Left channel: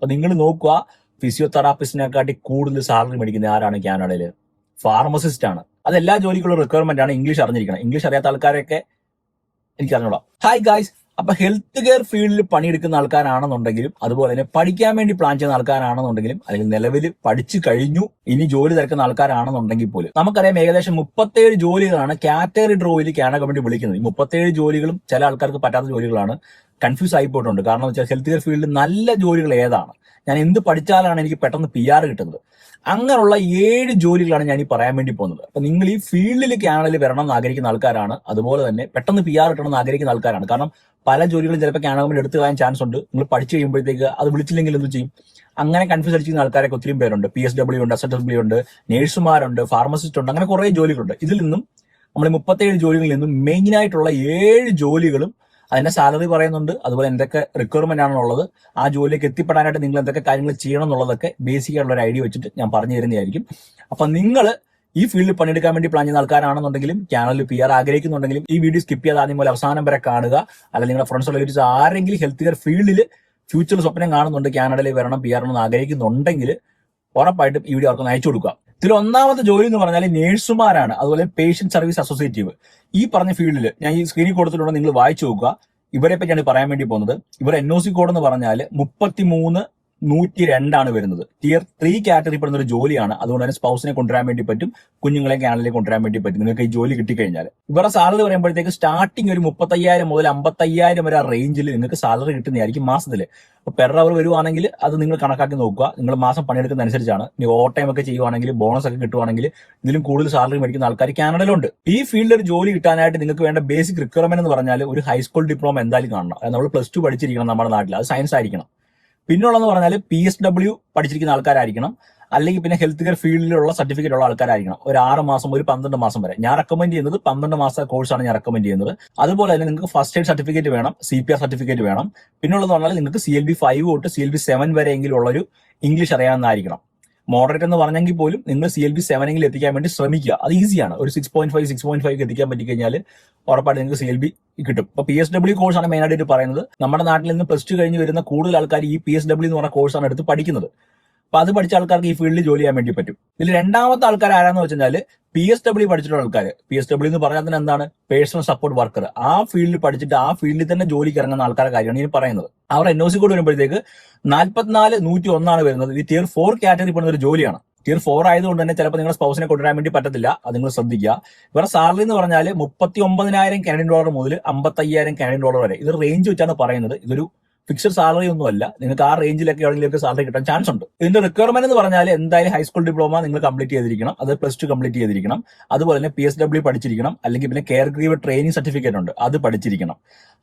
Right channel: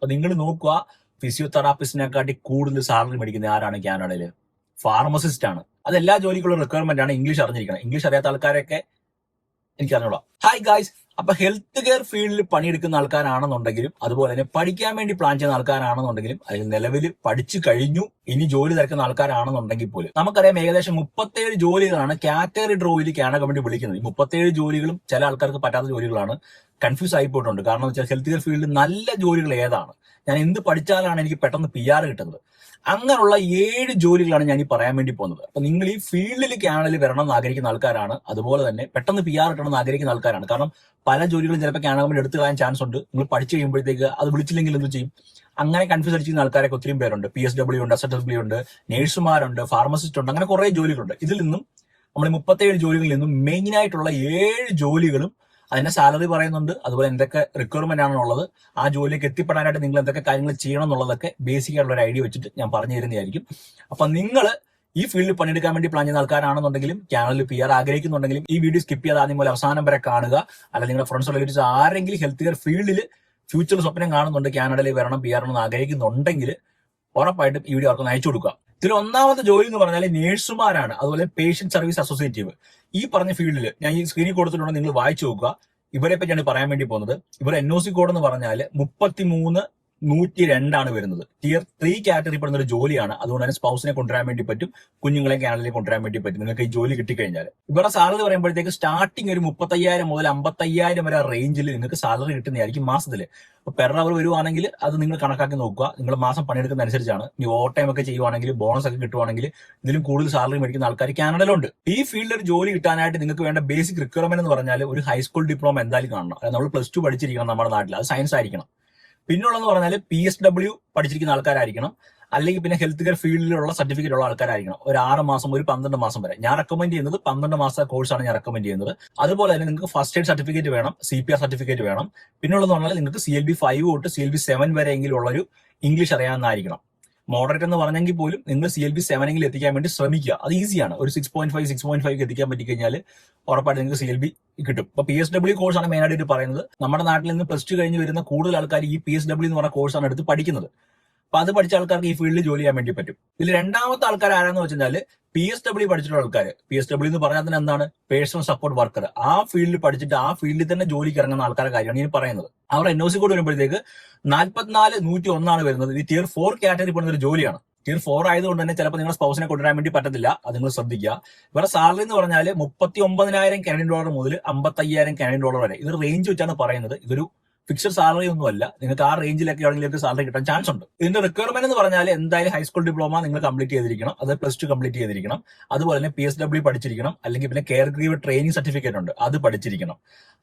അപ്പൊ നിങ്ങൾ നോക്കുക ഫിസിയോതെറാപ്പിസ്റ്റിനെക്കാട്ടി കൂടുതൽ സാലറി മേടിക്കുന്ന ആരാണ്? കാനഡയിൽ ഫാർമസിസ്റ്റ് ആണ്. അത് എല്ലാ ജോലിക്കുള്ള റിക്വയർമെന്റ് ആണ് ഇംഗ്ലീഷ് അറിഞ്ഞിരിക്കണം. ഇംഗ്ലീഷ് അറിയാത്ത ആൾക്കാരൊക്കെ എനിക്ക് അറിഞ്ഞോളാം ഹായ് ഗായ്സ് അപ്പൊ ഹെൽത്ത് കെയർ ഫീൽഡിൽ പണിയെടുക്കുന്ന ആൾക്കാരാണെന്നുണ്ടെങ്കിലും അതുപോലെ തന്നെ പഠിക്കാൻ വേണ്ടി പ്ലാൻ ചെയ്യുന്ന ആൾക്കാരാണെന്നുണ്ടെങ്കിലും അല്ലെങ്കിൽ നിലവിൽ പഠിച്ചു കഴിഞ്ഞു ഇനി ജോലി തിരക്കുന്ന ആൾക്കാരാണെന്നുണ്ടെങ്കിൽ പോലും നമുക്കറിയാം ഏകദേശം മുപ്പത്തേഴ് ജോലികളാണ് കാറ്റഗറി ഡ്രോയിൽ കാനഡ കമ്മിറ്റി വിളിക്കുന്നത്. ഈ മുപ്പത്തേഴ് ജോലികളും ചില ആൾക്കാർക്ക് പറ്റാത്ത ജോലികളാണ്. കൺഫ്യൂസ് ആയി പോയിട്ടുണ്ട്. കാരണം വെച്ചാൽ ഹെൽത്ത് കെയർ ഫീൽഡിൽ നല്ല ജോലികൾ ഏതാണ്? ഞാൻ എന്ത് പഠിച്ചാലാണ് എനിക്ക് പെട്ടെന്ന് പി ആർ കിട്ടുന്നത്? അങ്ങനെയുള്ള ഏഴ് ജോലികളാണ് ഞാൻ ഈ പറയാൻ വേണ്ടി പോകുന്നത്. അപ്പൊ നിങ്ങൾ ഈ ഫീൽഡിലേക്ക് ആണെങ്കിൽ വരണം എന്ന് ആഗ്രഹിക്കുന്ന ആൾക്കാരാണ്. അതുപോലെ തന്നെ പെട്ടെന്ന് പി ആർ കിട്ടണം എന്ന് ആഗ്രഹിക്കുന്ന ആൾക്കാരാണ്. കാരണം പല ജോലികളും ചിലപ്പോൾ കമ്പനി എടുത്തു കളയാൻ ചാൻസ് ഉണ്ട്. നിങ്ങൾ പഠിച്ചു കഴിയുമ്പോഴത്തേക്ക് അത് വിളിച്ചില്ലെങ്കിൽ എന്ത് ചെയ്യും? അങ്ങനെ കൺഫ്യൂസ് അടിച്ചിരുന്ന ആൾക്കാരൊക്കെ ഒത്തിരി പേരുണ്ട്. പി എസ് ഡബ്ല്യു ഉണ്ട് എസ് എസ് ഡബ്ല്യു ഉണ്ട് നേഴ്സുമാരുണ്ട് ഫാർമസിസ്റ്റ് ഉണ്ട് അങ്ങനെ കുറെ ജോലികളുണ്ട്. ഇതിൽ നിന്നും നമ്മൾ മുപ്പത്തേഴ് ജോലികളിൽ നിന്നും മെയിൻ ആയിട്ടുള്ള ഏഴ് ജോലികളും അതിന്റെ സാലറി പറയുന്നുണ്ട്. അതുപോലെ എന്തൊക്കെ റിക്വയർമെന്റ് ആണെന്നുള്ളത് ആ ജോലിയിലേക്ക് എത്തിപ്പെടാനായിട്ട് നിങ്ങൾ എന്തൊക്കെ കാര്യങ്ങൾ ചെയ്യണം എന്നുള്ളതൊക്കെ ബേസിക് ആയിട്ടുള്ള ഒരു ഐഡിയ വെച്ചിട്ട് ഞാൻ പറഞ്ഞു തരുന്നതായിരിക്കും. അപ്പൊ നിങ്ങൾ ഈ ഫീൽഡിൽ പണിയെടുക്കാൻ വേണ്ടി പ്ലാൻ ചെയ്യുന്ന ആൾക്കാരാണെന്നുണ്ടെങ്കിലും ചാനലിൽ പി ആർ ആഗ്രഹിക്കുന്നുണ്ടെങ്കിലും ഈ വീഡിയോ സ്കിപ്പ് ചെയ്യാതെ ആദ്യം പോലെ അവസാനം വരെ കാണുക. അല്ലെങ്കിൽ നിങ്ങളുടെ ഫ്രണ്ട്സ് റിലേറ്റീവ്സ് ആരെങ്കിലും ഹെൽത്ത് കെയർ ഫീൽഡിൽ ഫ്യൂച്ചർ സ്വപ്നം കാണുന്നുണ്ട് കാനഡയിൽ വരണം പി ആർ എന്ന് ആഗ്രഹിക്കുന്നുണ്ടെങ്കിൽ ഉറപ്പായിട്ടും ഈ വീഡിയോ അവർക്ക് അയച്ചു കൊടുക്കുക. ഇതിൽ ഒന്നാമത്തെ ജോലി എന്ന് പറഞ്ഞാൽ നേഴ്സുമാരാണ് അതുപോലെ പേഷ്യന്റ് സർവീസ് അസോസിയേറ്റീവ് ഈ പറഞ്ഞ ഫീൽഡിൽ ഞാൻ ഈ സ്ക്രീനിൽ കൊടുത്തിട്ടുണ്ട് നിങ്ങൾ വായിച്ചു നോക്കുക. ഇവരെ പറ്റിയാണ് പറയാൻ വേണ്ടി പോകുന്നത്. ഇവർ എൻ ഒ സി കോഡ് എന്ന് പറഞ്ഞാൽ മുപ്പത്തിമൂന്ന് നൂറ്റി രണ്ടാണ് വരുന്നത്. ടിയർ ത്രീ കാറ്റഗറി പെടുന്ന ഒരു ജോലിയാണ്. അതുകൊണ്ട് തന്നെ സ്പൗസിനെ കൊണ്ടുവരാൻ വേണ്ടി പറ്റും കുഞ്ഞുങ്ങളെ കാനലിലേക്ക് കൊണ്ടുവരാൻ വേണ്ടി പറ്റും. നിങ്ങൾക്ക് ഈ ജോലി കിട്ടിക്കഴിഞ്ഞാൽ ഇവരുടെ സാലറി പറയുമ്പോഴത്തേക്ക് സ്റ്റാർട്ടിംഗ് ഒരു മുപ്പത്തയ്യായിരം മുതൽ അമ്പത്തയ്യായിരം വരെ റേഞ്ചിൽ നിങ്ങൾക്ക് സാലറി കിട്ടുന്നതായിരിക്കും മാസത്തിൽ അപ്പൊ പെർ അവർ വരുവാണെങ്കിൽ അത് നിങ്ങൾ കണക്കാക്കി നോക്കുക. നിങ്ങൾ മാസം പണിയെടുക്കുന്ന അനുസരിച്ചാണ്. ഇനി ഓവർ ടൈം ഒക്കെ ചെയ്യുവാണെങ്കിൽ ബോണസ് ഒക്കെ കിട്ടുവാണെങ്കിൽ ഇതിലും കൂടുതൽ സാലറി മേടിക്കുന്ന ആൾക്കാർ കാനഡയിലുണ്ട് ഈ ഫീൽഡിൽ ഒരു ജോലി കിട്ടാനായിട്ട് നിങ്ങൾക്ക് വേണ്ട ബേസിക് റിക്വയർമെന്റ് എന്ന് പറഞ്ഞാൽ ഒരു ഹൈസ്കൂൾ ഡിപ്ലോമ എന്തായാലും കാണണം. നമ്മൾ പ്ലസ് ടു പഠിച്ചിരിക്കണം നമ്മുടെ നാട്ടിൽ അത് സയൻസ് ആയിരിക്കണം. പിന്നുള്ളതെന്ന് പറഞ്ഞാൽ പി എസ് ഡബ്ല്യു പഠിച്ചിരിക്കുന്ന ആൾക്കാരായിരിക്കണം. അല്ലെങ്കിൽ പിന്നെ ഹെൽത്ത് കെയർ ഫീൽഡിലുള്ള സർട്ടിഫിക്കറ്റ് ഉള്ള ആൾക്കാരായിരിക്കണം. ഒരു ആറ് മാസം ഒരു പന്ത്രണ്ട് മാസം വരെ. ഞാൻ റെക്കമെൻഡ് ചെയ്യുന്നത് പന്ത്രണ്ട് മാസ കോഴ്സാണ് ഞാൻ റെക്കമെൻഡ് ചെയ്യുന്നത്. അതുപോലെ തന്നെ നിങ്ങൾക്ക് ഫസ്റ്റ് എയ്ഡ് സർട്ടിഫിക്കറ്റ് വേണം സി പി ആർ സർട്ടിഫിക്കറ്റ് വേണം. പിന്നുള്ളതെന്ന് പറഞ്ഞാൽ നിങ്ങൾക്ക് സി എൽ ബി ഫൈവ് തൊട്ട് സി എൽ ബി സെവൻ വരെയെങ്കിലും ഉള്ളൊരു ഇംഗ്ലീഷ് അറിയാവുന്നതായിരിക്കണം. മോഡറേറ്റ് എന്ന് പറഞ്ഞെങ്കിൽ പോലും നിങ്ങൾ സി എൽ ബി സെവനെങ്കിൽ എത്തിക്കാൻ വേണ്ടി ശ്രമിക്കുക. അത് ഈസിയാണ് ഒരു six point five six point five എത്തിക്കാൻ പറ്റിക്കഴിഞ്ഞാൽ ഉറപ്പായിട്ട് നിങ്ങൾക്ക് സി എൽ ബി കിട്ടും. ഇപ്പൊ പി എസ് ഡബ്ല്യു കോഴ്സാണ് മെയിൻ ആയിട്ട് പറയുന്നത്. നമ്മുടെ നാട്ടിൽ നിന്ന് പ്ലസ് ടു കഴിഞ്ഞ് വരുന്ന കൂടുതൽ ആൾക്കാർ ഈ പി എസ് ഡബ്ല്യു എന്ന് പറഞ്ഞ കോഴ്സാണ് എടുത്ത് പഠിക്കുന്നത്. അപ്പൊ അത് പഠിച്ച ആൾക്കാർക്ക് ഈ ഫീൽഡിൽ ജോലി ചെയ്യാൻ വേണ്ടി പറ്റും. ഇതിൽ രണ്ടാമത്തെ ആൾക്കാർ ആരാന്ന് വെച്ചാൽ പി എസ് ഡബ്ല്യു പഠിച്ചിട്ടുള്ള ആൾക്കാർ പി എസ് ഡബ്ല്യു എന്ന് പറഞ്ഞാൽ തന്നെ എന്താണ്? പേഴ്സണൽ സപ്പോർട്ട് വർക്കർ ആ ഫീൽഡിൽ പഠിച്ചിട്ട് ആ ഫീൽഡിൽ തന്നെ ജോലിക്ക് ഇറങ്ങുന്ന ആൾക്കാരുടെ കാര്യമാണ് ഇനി പറയുന്നത്. അവർ എൻ ഒ സി കൂടി വരുമ്പോഴത്തേക്ക് നാൽപ്പത്തിനാല് നൂറ്റി ഒന്നാണ് വരുന്നത്. ഇത് ടിയർ ഫോർ കാറ്റഗറി പെടുന്ന ഒരു ജോലിയാണ്. ടിയർ ഫോർ ആയതുകൊണ്ട് തന്നെ ചിലപ്പോൾ നിങ്ങളുടെ സ്പൗസിനെ കൊണ്ടുവരാൻ വേണ്ടി പറ്റത്തില്ല. അത് നിങ്ങൾ ശ്രദ്ധിക്കുക. ഇവരുടെ സാലറി എന്ന് പറഞ്ഞാൽ മുപ്പത്തി ഒമ്പതിനായിരം കാനഡിയൻ ഡോളർ മുതൽ അമ്പത്തയ്യായിരം കാനഡിയൻ ഡോളർ വരെ. ഇത് റേഞ്ച് വെച്ചാണ് പറയുന്നത്. ഇതൊരു ഫിക്സഡ് സാലറി ഒന്നും അല്ല നിങ്ങൾക്ക് ആ റേഞ്ചിലൊക്കെ എവിടെയെങ്കിലും സാലറി കിട്ടാൻ ചാൻസ് ഉണ്ട്. ഇതിന്റെ റിക്വയർമെന്റ് എന്ന് പറഞ്ഞാൽ എന്തായാലും ഹൈസ്കൂൾ ഡിപ്ലോമ നിങ്ങൾ കംപ്ലീറ്റ് ചെയ്തിരിക്കണം. അത് പ്ലസ് ടു കംപ്ലീറ്റ് ചെയ്തിരിക്കണം. അതുപോലെ തന്നെ പി എസ് ഡബ്ല്യു പഠിച്ചിരിക്കണം. അല്ലെങ്കിൽ പിന്നെ കെയർ ഗ്രീവ് ട്രെയിനിങ് സർട്ടിഫിക്കറ്റ് ഉണ്ട്. അത് പഠിച്ചിരിക്കണം.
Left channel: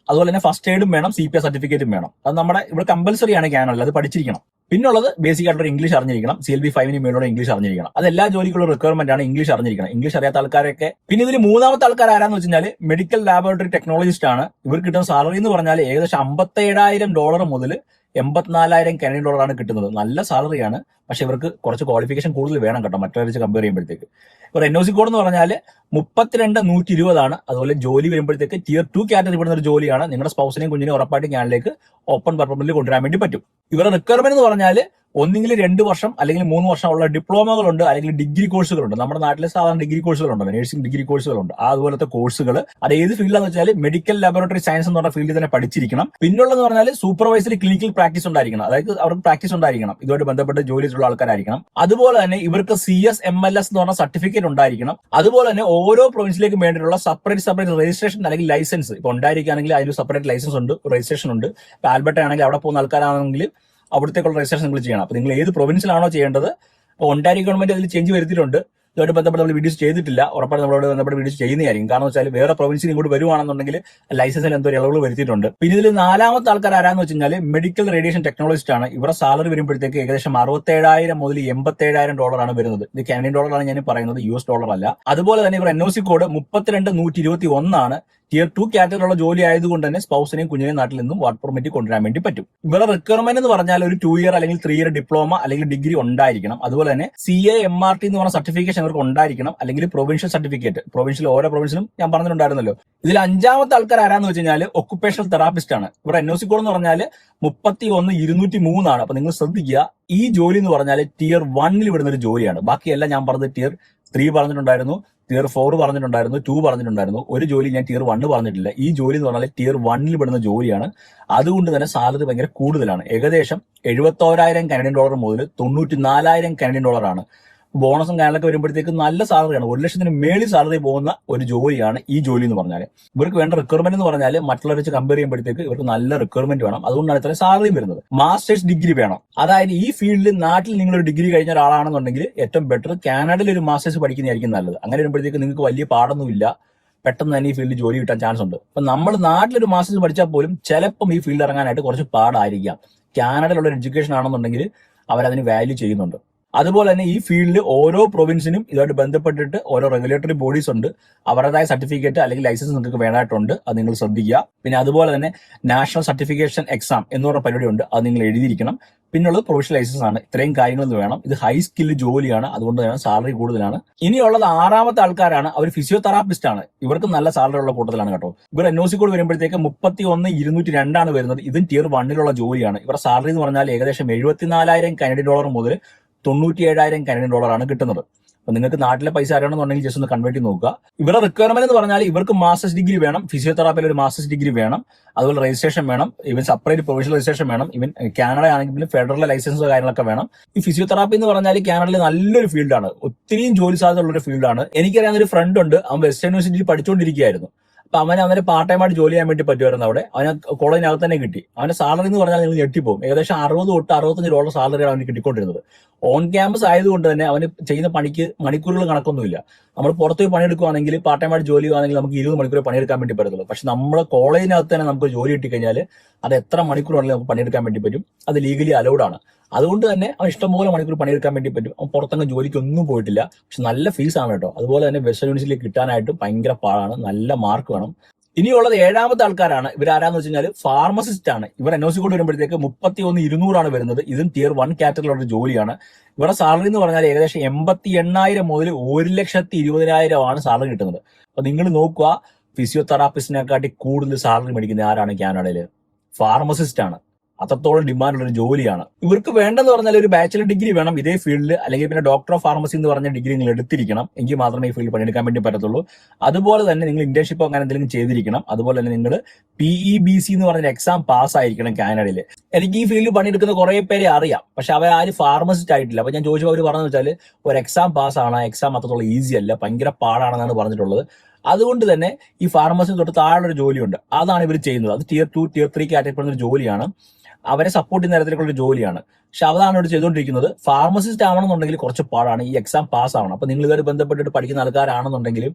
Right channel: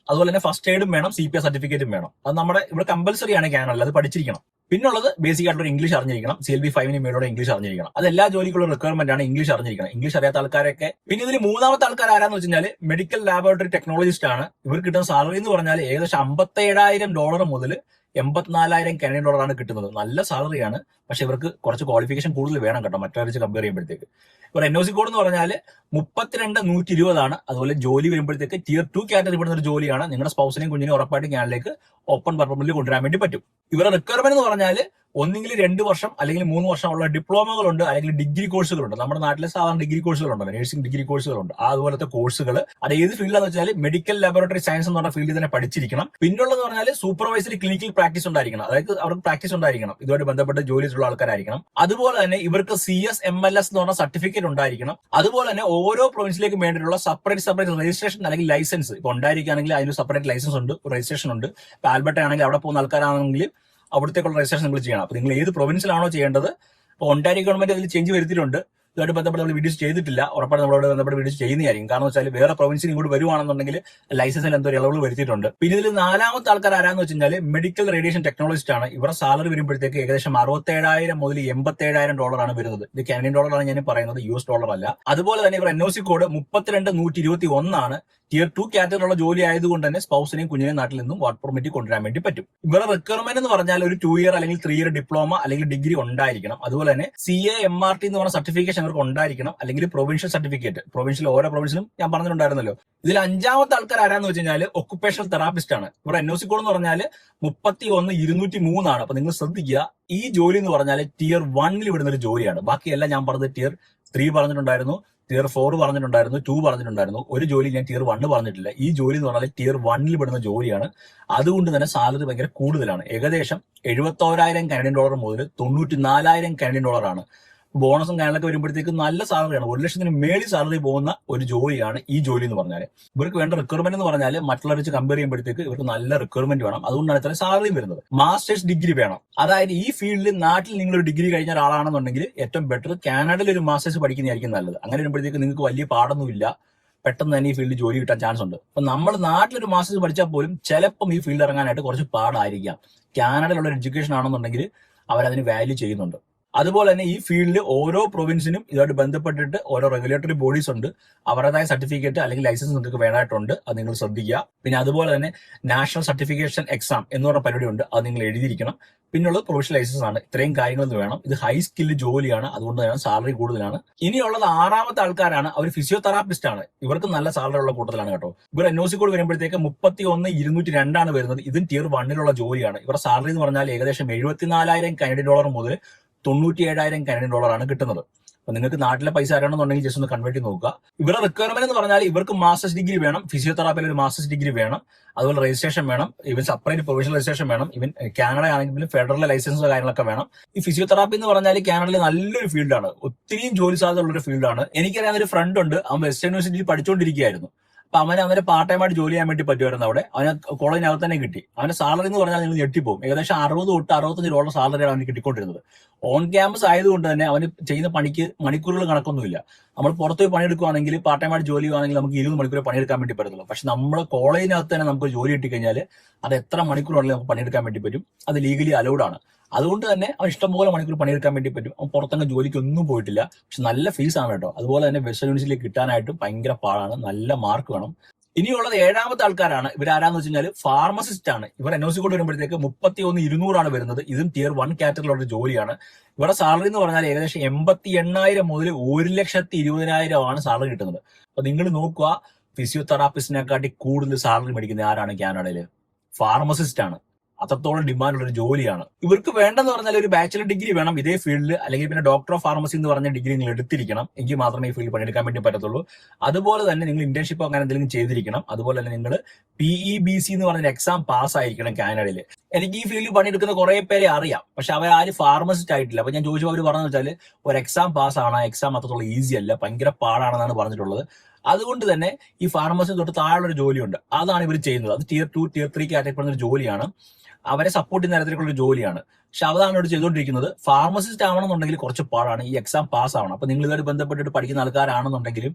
അതുപോലെ തന്നെ ഫസ്റ്റ് എയ്ഡും വേണം. സി പി എസ് സർട്ടിഫിക്കറ്റും വേണം. അത് നമ്മുടെ ഇവിടെ കമ്പൽസറി ആണ് ക്യാനൽ അത് പഠിച്ചിരിക്കണം. പിന്നുള്ളത് ബേസിക് ആയിട്ടുള്ള ഇംഗ്ലീഷ് അറിഞ്ഞിരിക്കണം. സി എൽ ബി ഫൈവിന് മേലോടെ ഇംഗ്ലീഷ് അറിഞ്ഞിരിക്കണം. അത് എല്ലാ ജോലിക്കുള്ള റിക്വയർമെന്റ് ആണ് ഇംഗ്ലീഷ് അറിഞ്ഞിരിക്കണം. ഇംഗ്ലീഷ് അറിയാത്ത ആൾക്കാരൊക്കെ പിന്നെ ഇതിൽ മൂന്നാമത്തെ ആൾക്കാർ ആരാന്ന് വെച്ചാൽ മെഡിക്കൽ ലാബോറട്ടറി ടെക്നോളജിസ്റ്റ് ആണ്. ഇവർക്ക് കിട്ടുന്ന സാലറി എന്ന് പറഞ്ഞാൽ ഏകദേശം അമ്പത്തേഴായിരം ഡോളർ മുതൽ എൺപത്തിനാലായിരം കനഡിയൻ ഡോളറാണ് കിട്ടുന്നത്. നല്ല സാലറിയാണ് പക്ഷെ ഇവർക്ക് കുറച്ച് ക്വാളിഫിക്കേഷൻ കൂടുതൽ വേണം കേട്ടോ. മറ്റവരെ വെച്ച് കമ്പയർ ചെയ്യുമ്പോഴത്തേക്ക്. ഇവർ എൻ സി കോഡ് എന്ന് പറഞ്ഞാൽ മുപ്പത്തിരണ്ട് നൂറ്റി ഇരുപതാണ് അതുപോലെ ജോലി വരുമ്പോഴത്തേക്ക് ടിയർ ടു കാറ്റഗറി പെടുന്ന ഒരു ജോലിയാണ് നിങ്ങളുടെ സ്പൗസിനെയും കുഞ്ഞിനെയും ഉറപ്പായിട്ട് ഞാനിലേക്ക് ഓപ്പൺ പർപ്പമിൽ കൊണ്ടുവരാൻ വേണ്ടി പറ്റും. ഇവരുടെ റിക്വയർമെന്റ് എന്ന് പറഞ്ഞാൽ ഒന്നെങ്കിൽ രണ്ട് വർഷം അല്ലെങ്കിൽ മൂന്ന് ഉള്ള ഡിപ്ലോമകളുണ്ട് അല്ലെങ്കിൽ ഡിഗ്രി കോഴ്സുകളുണ്ട്. നമ്മുടെ നാട്ടിലെ സാധാരണ ഡിഗ്രി കോഴ്സുകളുണ്ട്. നഴ്സിംഗ് ഡിഗ്രി കോഴ്സുകളുണ്ട്. അതുപോലത്തെ കോഴ്സുകൾ അത് ഏത് ഫീൽഡാന്ന് വെച്ചാൽ മെഡിക്കൽ ലബോറട്ടറി സയൻസ് എന്ന് പറഞ്ഞ ഫീൽഡിൽ തന്നെ പഠിച്ചിരിക്കണം. പിന്നുള്ളതെന്ന് പറഞ്ഞാൽ സൂപ്പർവൈസറി ക്ലിനിക്കൽ പ്രാക്ടീസ് ഉണ്ടായിരിക്കണം. അതായത് അവർക്ക് പ്രാക്ടീസ് ഉണ്ടായിരിക്കണം. ഇതുമായിട്ട് ബന്ധപ്പെട്ട് ജോലി ചെയ്തിട്ടുള്ള ആൾക്കാരായിരിക്കണം. അതുപോലെ തന്നെ ഇവർക്ക് C S M L S എന്ന് പറഞ്ഞ സർട്ടിഫിക്കറ്റ് ഉണ്ടായിരിക്കണം. അതുപോലെ തന്നെ ഓരോ പ്രൊവിൻസിലേക്കും വേണ്ടിയിട്ടുള്ള സെപ്പറേറ്റ് സെപ്പറേറ്റ് രജിസ്ട്രേഷൻ അല്ലെങ്കിൽ ലൈസൻസ് ഇപ്പൊ ഉണ്ടായിരിക്കുകയാണെങ്കിൽ അതിന് സെപ്പറേറ്റ് ലൈസൻസ് ഉണ്ട് രജിസ്ട്രേഷൻ ഉണ്ട്. ഇപ്പൊ ആൽബർട്ട് ആണെങ്കിൽ അവിടെ പോകുന്ന ആൾക്കാരാണെങ്കിൽ അവിടത്തേക്കുള്ള രജിസ്ട്രേഷൻ നിങ്ങൾ ചെയ്യണം. അപ്പൊ നിങ്ങൾ ഏത് പ്രൊവിൻസിലാണോ ചെയ്യേണ്ടത് അപ്പോൾ ഒണ്ടാരി ഗവൺമെന്റ് അതിൽ ചേഞ്ച് വരുത്തിയിട്ടുണ്ട്. ഇതുമായിട്ട് ബന്ധപ്പെട്ട് നമ്മൾ വീഡിയോസ് ചെയ്തിട്ടില്ല. ഉറപ്പാണ് നമ്മളോട് ബന്ധപ്പെട്ട് വീഡിയോസ് ചെയ്യുന്നതായിരിക്കും. കാരണം വെച്ചാൽ വേറെ പ്രൊവിൻസിൽ ഇങ്ങോട്ട് വരുവാണെന്നുണ്ടെങ്കിൽ ലൈസൻസിൽ എന്തോ ഇളവുകൾ വരുത്തിയിട്ടുണ്ട്. പിന്നെ ഇതിൽ നാലാമത്തെ ആൾക്കാർ ആരാന്ന് വെച്ച് കഴിഞ്ഞാൽ മെഡിക്കൽ റേഡിയേഷൻ ടെക്നോളജിസ്റ്റ് ആണ്. ഇവരുടെ സാലറി വരുമ്പോഴത്തേക്ക് ഏകദേശം അറുപത്തേഴായിരം മുതൽ എൺപത്തേഴായിരം ഡോളറാണ് വരുന്നത്. ഇത് കാനഡിയൻ ഡോളറാണ് ഞാൻ പറയുന്നത് യു എസ് ഡോളർ അല്ല. അതുപോലെ തന്നെ ഇവർ എൻ ഒ സി കോഡ് മുപ്പത്തിരണ്ട് നൂറ്റി ഇരുപത്തി ഒന്നാണ്. ടിയർ ടു കാറ്റഗറിയിലുള്ള ജോലി ആയതുകൊണ്ട് തന്നെ സ്പൗസിനെയും കുഞ്ഞിനെയും നാട്ടിൽ നിന്നും വർക്ക് പെർമിറ്റ് കൊണ്ടുവരാൻ വേണ്ടി പറ്റും. ഇവരുടെ റിക്വയർമെന്റ് എന്ന് പറഞ്ഞാൽ ഒരു ടു ഇയർ അല്ലെങ്കിൽ ത്രീ ഇയർ ഡിപ്ലോമ അല്ലെങ്കിൽ ഡിഗ്രി ഉണ്ടായിരിക്കണം. അതുപോലെ തന്നെ C A M R T എന്ന് പറഞ്ഞ സർട്ടിഫിക്കേഷൻ അവർക്ക് ഉണ്ടായിരിക്കണം. അല്ലെങ്കിൽ പ്രൊവിൻഷ്യൽ സർട്ടിഫിക്കറ്റ് പ്രൊവിൻഷ്യൽ ഓരോ പ്രൊവിൻഷ്യലും ഞാൻ പറഞ്ഞിട്ടുണ്ടായിരുന്നല്ലോ. ഇതിൽ അഞ്ചാമത്തെ ആൾക്കാർ ആരാന്ന് വെച്ച് കഴിഞ്ഞാൽ ഒക്കുപേഷണൽ തെറാപ്പിസ്റ്റ് ആണ്. ഇവിടെ എൻ സി കോഡ് എന്ന് പറഞ്ഞാൽ മുപ്പത്തി ഒന്ന് ഇരുന്നൂറ്റി മൂന്നാണ് അപ്പൊ നിങ്ങൾ ശ്രദ്ധിക്കുക. ഈ ജോലി എന്ന് പറഞ്ഞാൽ ടിയർ വണ്ണിൽ വിടുന്ന ഒരു ജോലിയാണ്. ബാക്കിയെല്ലാം ഞാൻ പറഞ്ഞത് ടിയർ ത്രീ പറഞ്ഞിട്ടുണ്ടായിരുന്നു ടിയർ ഫോർ പറഞ്ഞിട്ടുണ്ടായിരുന്നു ടു പറഞ്ഞിട്ടുണ്ടായിരുന്നു. ഒരു ജോലി ഞാൻ ടിയർ വണ്ണ് പറഞ്ഞിട്ടില്ല. ഈ ജോലി എന്ന് പറഞ്ഞാൽ ടിയർ വണ്ണിൽ പെടുന്ന ജോലിയാണ്. അതുകൊണ്ട് തന്നെ സാലറി ഭയങ്കര കൂടുതലാണ്. ഏകദേശം എഴുപത്തോരായിരം കനഡിയൻ ഡോളർ മുതൽ തൊണ്ണൂറ്റി നാലായിരം കനഡിയൻ ഡോളറാണ് ബോണസും കാര്യങ്ങളൊക്കെ വരുമ്പോഴത്തേക്ക് നല്ല സാലറിയാണ് ഒരു ലക്ഷത്തിന് മേളിൽ സാലറി പോകുന്ന ഒരു ജോലിയാണ് ഈ ജോലി എന്ന് പറഞ്ഞാൽ ഇവർക്ക് വേണ്ട റിക്വയർമെന്റ് എന്ന് പറഞ്ഞാൽ മറ്റുള്ളവരെ വെച്ച് കമ്പയർ ചെയ്യുമ്പോഴത്തേക്ക് ഇവർക്ക് നല്ല റിക്വയർമെന്റ് വേണം. അതുകൊണ്ടാണ് ഇത്ര സാലറിയും വരുന്നത്. മാസ്റ്റേഴ്സ് ഡിഗ്രി വേണം. അതായത് ഈ ഫീൽഡിൽ നാട്ടിൽ നിങ്ങൾ ഒരു ഡിഗ്രി കഴിഞ്ഞ ഒരാളാണെന്നുണ്ടെങ്കിൽ ഏറ്റവും ബെറ്റർ കാനഡയിൽ ഒരു മാസ്റ്റേഴ്സ് പഠിക്കുന്നതായിരിക്കും നല്ലത്. അങ്ങനെ വരുമ്പോഴത്തേക്ക് നിങ്ങൾക്ക് വലിയ പാടൊന്നുമില്ല പെട്ടെന്ന് തന്നെ ഈ ഫീൽഡിൽ ജോലി കിട്ടാൻ ചാൻസ് ഉണ്ട്. അപ്പൊ നമ്മൾ നാട്ടിലൊരു മാസ്റ്റേഴ്സ് പഠിച്ചാൽ പോലും ചിലപ്പം ഈ ഫീൽഡ് ഇറങ്ങാനായിട്ട് കുറച്ച് പാടായിരിക്കാം. കാനഡയിലുള്ള എഡ്യൂക്കേഷൻ ആണെന്നുണ്ടെങ്കിൽ അവരതിന് വാല്യൂ ചെയ്യുന്നുണ്ട്. അതുപോലെ തന്നെ ഈ ഫീൽഡിൽ ഓരോ പ്രൊവിൻസിനും ഇതുമായിട്ട് ബന്ധപ്പെട്ടിട്ട് ഓരോ റെഗുലേറ്ററി ബോഡീസ് ഉണ്ട്. അവരുടേതായ സർട്ടിഫിക്കറ്റ് അല്ലെങ്കിൽ ലൈസൻസ് നിങ്ങൾക്ക് വേണമായിട്ടുണ്ട്. അത് നിങ്ങൾ ശ്രദ്ധിക്കുക. പിന്നെ അതുപോലെ തന്നെ നാഷണൽ സർട്ടിഫിക്കേഷൻ എക്സാം എന്ന് പറഞ്ഞ പരിപാടി ഉണ്ട് അത് നിങ്ങൾ എഴുതിയിരിക്കണം. പിന്നുള്ളത് പ്രൊഫഷണൽ ലൈസൻസ് ആണ്. ഇത്രയും കാര്യങ്ങൾ വേണം. ഇത് ഹൈ സ്കില്ല് ജോലിയാണ്. അതുകൊണ്ട് തന്നെ സാലറി കൂടുതലാണ്. ഇനിയുള്ളത് ആറാമത്തെ ആൾക്കാരാണ്. അവർ ഫിസിയോതെറാപ്പിസ്റ്റ് ആണ്. ഇവർക്ക് നല്ല സാലറി ഉള്ള കൂട്ടത്തിലാണ് കേട്ടോ. ഇവർ എൻ ഒ കോഡ് വരുമ്പോഴത്തേക്ക് മുപ്പത്തി ഒന്ന് ഇരുന്നൂറ്റി രണ്ടാണ് വരുന്നത്. ഇതും ടിയർ വണ്ണിലുള്ള ജോലിയാണ്. ഇവരുടെ സാലറി എന്ന് പറഞ്ഞാൽ ഏകദേശം എഴുപത്തിനാലായിരം കാനഡി ഡോളർ മുതൽ തൊണ്ണൂറ്റി ഏഴായിരം കനഡിയൻ ഡോളറാണ് കിട്ടുന്നത്. അപ്പൊ നിങ്ങൾക്ക് നാട്ടിലെ പൈസ അറിയണമെന്നുണ്ടെങ്കിൽ ജസ്റ്റ് ഒന്ന് കൺവേർട്ട് ചെയ്ത് നോക്കുക. ഇവരുടെ റിക്വയർമെന്റ് എന്ന് പറഞ്ഞാൽ ഇവർക്ക് മാസ്റ്റേഴ്സ് ഡിഗ്രി വേണം ഫിസിയോതെറാപ്പിയിൽ ഒരു മാസ്റ്റേഴ്സ് ഡിഗ്രി വേണം അതുപോലെ രജിസ്ട്രേഷൻ വേണം ഇവൻ സെപ്പറേറ്റ് പ്രൊഫഷണൽ രജിസ്ട്രേഷൻ വേണം ഇവൻ കാനഡ ആണെങ്കിലും ഫെഡറൽ ലൈസൻസ് കാര്യങ്ങളൊക്കെ വേണം. ഈ ഫിസിയോതെറാപ്പി എന്ന് പറഞ്ഞാൽ കാനഡയിൽ നല്ലൊരു ഫീൽഡാണ് ഒത്തിരിയും ജോലി സാധ്യത ഉള്ള ഒരു ഫീൽഡാണ് എനിക്കറിയാവുന്ന ഒരു ഫ്രണ്ട് ഉണ്ട് അവൻ വെസ്റ്റേൺ യൂണിവേഴ്സിറ്റിയിൽ പഠിച്ചുകൊണ്ടിരിക്കുകയായിരുന്നു അപ്പൊ അവന് അവന് പാർട്ട് ടൈം ആയിട്ട് ജോലി ചെയ്യാൻ വേണ്ടി പറ്റുമായിരുന്നു അവിടെ. അവന് കോളേജിനകത്ത് തന്നെ കിട്ടി. അവന്റെ സാലറി എന്ന് പറഞ്ഞാൽ നിങ്ങൾ ഞെട്ടിപ്പോകും ഏകദേശം അറുപത് തൊട്ട് അറുപത്തഞ്ച് ഡോളർ സാലറിയാണ് അവന് കിട്ടിക്കൊണ്ടിരുന്നത്. ഓൺ ക്യാമ്പസ് ആയതുകൊണ്ട് തന്നെ അവന് ചെയ്യുന്ന പണിക്ക് മണിക്കൂറുകൾ കണക്കൊന്നുമില്ല. നമ്മൾ പുറത്ത് പോയി പണിയെടുക്കുകയാണെങ്കിൽ പാർട്ട് ടൈം ആയിട്ട് ജോലി ചെയ്യുകയാണെങ്കിൽ നമുക്ക് ഇരുപത് മണിക്കൂർ പണിയെടുക്കാൻ വേണ്ടി പറ്റത്തുള്ളൂ. പക്ഷെ നമ്മൾ കോളേജിനകത്ത് തന്നെ നമുക്ക് ജോലി കിട്ടിക്കഴിഞ്ഞാൽ അത് എത്ര മണിക്കൂറാണെങ്കിലും നമുക്ക് പണിയെടുക്കാൻ വേണ്ടി പറ്റും. അത് ലീഗലി അലൗഡ് ആണ്. അതുകൊണ്ട് തന്നെ അവൻ ഇഷ്ടംപോലെ മണിക്കൂർ പണിയെടുക്കാൻ വേണ്ടി പറ്റും. അവൻ പുറത്തങ്ങ് ജോലിക്കൊന്നും പോയിട്ടില്ല. പക്ഷെ നല്ല ഫീസ് ആണ് കേട്ടോ. അതുപോലെ തന്നെ വെസ്റ്റ് യൂണിവേഴ്സിറ്റിയിൽ കിട്ടാനായിട്ട് ഭയങ്കര പാടാണ്. നല്ല മാർക്ക് വേണം. ഇനിയുള്ളത് ഏഴാമത്തെ ആൾക്കാരാണ്. ഇവരാരാന്ന് വെച്ച് കഴിഞ്ഞാൽ ഫാർമസിസ്റ്റ് ആണ്. ഇവർ എൻ ഒ സി കൊണ്ട് വരുമ്പോഴത്തേക്ക് മുപ്പത്തി ഒന്ന് ഇരുന്നൂറാണ് വരുന്നത്. ഇതും ടിയർ വൺ കാറ്റഗറിയിലുള്ള ജോലിയാണ്. ഇവരുടെ സാലറി എന്ന് പറഞ്ഞാൽ ഏകദേശം എൺപത്തി എണ്ണായിരം മുതൽ ഒരു ലക്ഷത്തി ഇരുപതിനായിരം ആണ് സാലറി കിട്ടുന്നത്. അപ്പൊ നിങ്ങൾ നോക്കുക ഫിസിയോതെറാപ്പിസ്റ്റിനെക്കാട്ടി കൂടുതൽ സാലറി മേടിക്കുന്ന ആരാണ് കാനഡയിൽ ഫാർമസിസ്റ്റ് ആണ്. അത്രത്തോളം ഡിമാൻഡുള്ള ഒരു ജോലിയാണ്. ഇവർക്ക് വേണ്ടെന്ന് പറഞ്ഞാൽ ഒരു ബാച്ചിലർ ഡിഗ്രി വേണം ഇതേ ഫീൽഡിൽ അല്ലെങ്കിൽ പിന്നെ ഡോക്ടർ ഓഫ് ഫാർമസി എന്ന് പറഞ്ഞ ഡിഗ്രി നിങ്ങൾ എടുത്തിരിക്കണം. എങ്കിൽ മാത്രമേ ഈ ഫീൽഡ് പണിയെടുക്കാൻ വേണ്ടി പറ്റത്തുള്ളൂ. അതുപോലെ തന്നെ നിങ്ങൾ ഇന്റേൺഷിപ്പ് അങ്ങനെ എന്തെങ്കിലും ചെയ്തിരിക്കണം. അതുപോലെ തന്നെ നിങ്ങൾ പി ഇ ബി സി എന്ന് പറഞ്ഞ എക്സാം പാസ് ആയിരിക്കണം കാനഡയിൽ എനിക്ക് ഈ ഫീൽഡിൽ പണിയെടുക്കുന്ന കുറെ പേരെ അറിയാം. പക്ഷെ അവർ ആരും ഫാർമസിസ്റ്റ് ആയിട്ടില്ല. അപ്പൊ ഞാൻ ചോദിച്ചപ്പോൾ അവർ പറഞ്ഞു വെച്ചാൽ ഒരു എക്സാം പാസ് ആണ്. എക്സാം അത്രത്തോളം ഈസി അല്ല. ഭയങ്കര പാടാണെന്നാണ് പറഞ്ഞിട്ടുള്ളത്. അതുകൊണ്ട് തന്നെ ഈ ഫാർമസി തൊട്ട് താഴെയുള്ള ഒരു ജോലിയുണ്ട്. അതാണ് ഇവർ ചെയ്യുന്നത്. അത് tier two tier three category ഒരു ജോലിയാണ്. അവരെ സപ്പോർട്ട് ചെയ്യുന്ന തരത്തിലേക്കുള്ള ഒരു ജോലിയാണ്. പക്ഷെ അതാണ് ഇവിടെ ചെയ്തുകൊണ്ടിരിക്കുന്നത്. ഫാർമസിസ്റ്റ് ആവണമെന്നുണ്ടെങ്കിൽ കുറച്ച് പാടാണ്. ഈ എക്സാം പാസ് ആവണം. അപ്പൊ നിങ്ങൾ ഇതുമായിട്ട് ബന്ധപ്പെട്ടിട്ട് പഠിക്കുന്ന ആൾക്കാരാണെന്നുണ്ടെങ്കിലും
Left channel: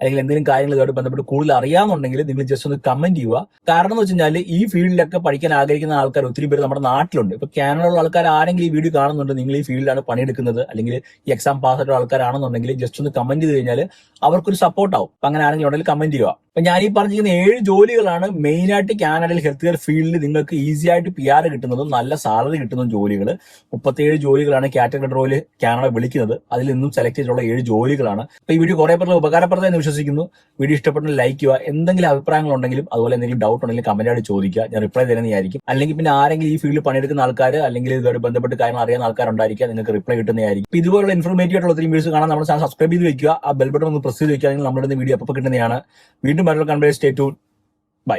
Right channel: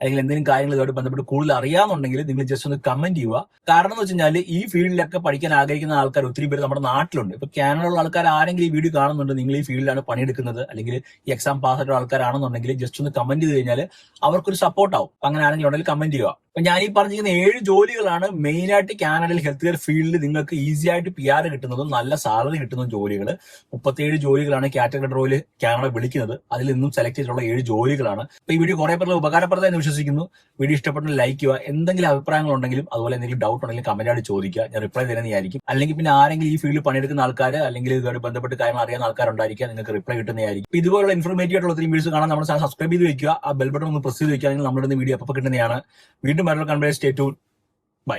അല്ലെങ്കിൽ എന്തെങ്കിലും കാര്യങ്ങൾ ഇതുമായിട്ട് ബന്ധപ്പെട്ട് കൂടുതൽ അറിയാമെന്നുണ്ടെങ്കിൽ നിങ്ങൾ ജസ്റ്റ് ഒന്ന് കമന്റ് ചെയ്യുക. കാരണം എന്ന് വെച്ച് കഴിഞ്ഞാൽ ഈ ഫീൽഡിലൊക്കെ പഠിക്കാൻ ആഗ്രഹിക്കുന്ന ആൾക്കാർ ഒത്തിരി പേര് നമ്മുടെ നാട്ടിലുണ്ട്. ഇപ്പൊ കാനഡയിലുള്ള ആൾക്കാർ ആരെങ്കിലും ഈ വീഡിയോ കാണുന്നുണ്ട് നിങ്ങൾ ഈ ഫീൽഡിലാണ് പണിയെടുക്കുന്നത് അല്ലെങ്കിൽ ഈ എക്സാം പാസ് ആയിട്ടുള്ള ആൾക്കാരാണെന്നുണ്ടെങ്കിൽ ജസ്റ്റ് ഒന്ന് കമന്റ് ചെയ്ത് കഴിഞ്ഞാൽ അവർക്കൊരു സപ്പോർട്ട് ആവും. അപ്പൊ അങ്ങനെ ആണെങ്കിൽ ഉണ്ടെങ്കിൽ കമന്റ് ചെയ്യുക. അപ്പൊ ഞാൻ ഈ പറഞ്ഞിരിക്കുന്ന ഏഴ് ജോലികളാണ് മെയിൻ ആയിട്ട് കാനഡയിൽ ഹെൽത്ത് കെയർ ഫീൽഡിൽ നിങ്ങൾക്ക് ഈസി ആയിട്ട് പി ആർ കിട്ടുന്നതും നല്ല സാലറി കിട്ടുന്നതും ജോലികൾ മുപ്പത്തിയേഴ് ജോലികളാണ് കാറ്റഗറി റോയിൽ കാനഡ വിളിക്കുന്നത്. അതിൽ നിന്നും സെലക്ട് ചെയ്തിട്ടുള്ള ഏഴ് ജോലികളാണ്. അപ്പൊ ഈ വീഡിയോ കുറെ പേർക്ക് ഉപകാരപ്രദമായി വിശ്വസിക്കുന്നു. വീഡിയോ ഇഷ്ടപ്പെട്ടെങ്കിൽ ലൈക്ക് ചെയ്യുക. എന്തെങ്കിലും അഭിപ്രായങ്ങൾ ഉണ്ടെങ്കിലും അതുപോലെ എന്തെങ്കിലും ഡൗട്ട് ഉണ്ടെങ്കിലും കമന്റ് ആയിട്ട് ചോദിക്കുക. ഞാൻ റിപ്ലൈ തരുന്നതായിരിക്കും അല്ലെങ്കിൽ പിന്നെ ആരെങ്കിലും ഈ ഫീൽഡിൽ പണിയെടുക്കുന്ന ആൾക്കാർ അല്ലെങ്കിൽ ഇതുമായിട്ട് ബന്ധപ്പെട്ട് കാര്യങ്ങൾ അറിയാവുന്ന ആൾക്കാരുണ്ടായിരിക്കുക നിങ്ങൾക്ക് റിപ്ലൈ കിട്ടുന്നതായിരിക്കും ഇതുപോലുള്ള ഇൻഫോർമേറ്റീവ് ആയിട്ടുള്ള ഒത്തിരി വീഡിയോസ് കാണാൻ നമ്മൾ ചാനൽ സബ്സ്ക്രൈബ് ചെയ്ത് വെക്കുക. ആ ബെൽ ബട്ടൺ ഒന്ന് പ്രസ് ചെയ്ത് വെക്കുക. അല്ലെങ്കിൽ നമ്മുടെ വീഡിയോ അപ്പോൾ കിട്ടുന്നതാണ്. വീണ്ടും മറ്റൊരു കൺവേഴ്സ് സ്റ്റേ ടു ബൈ.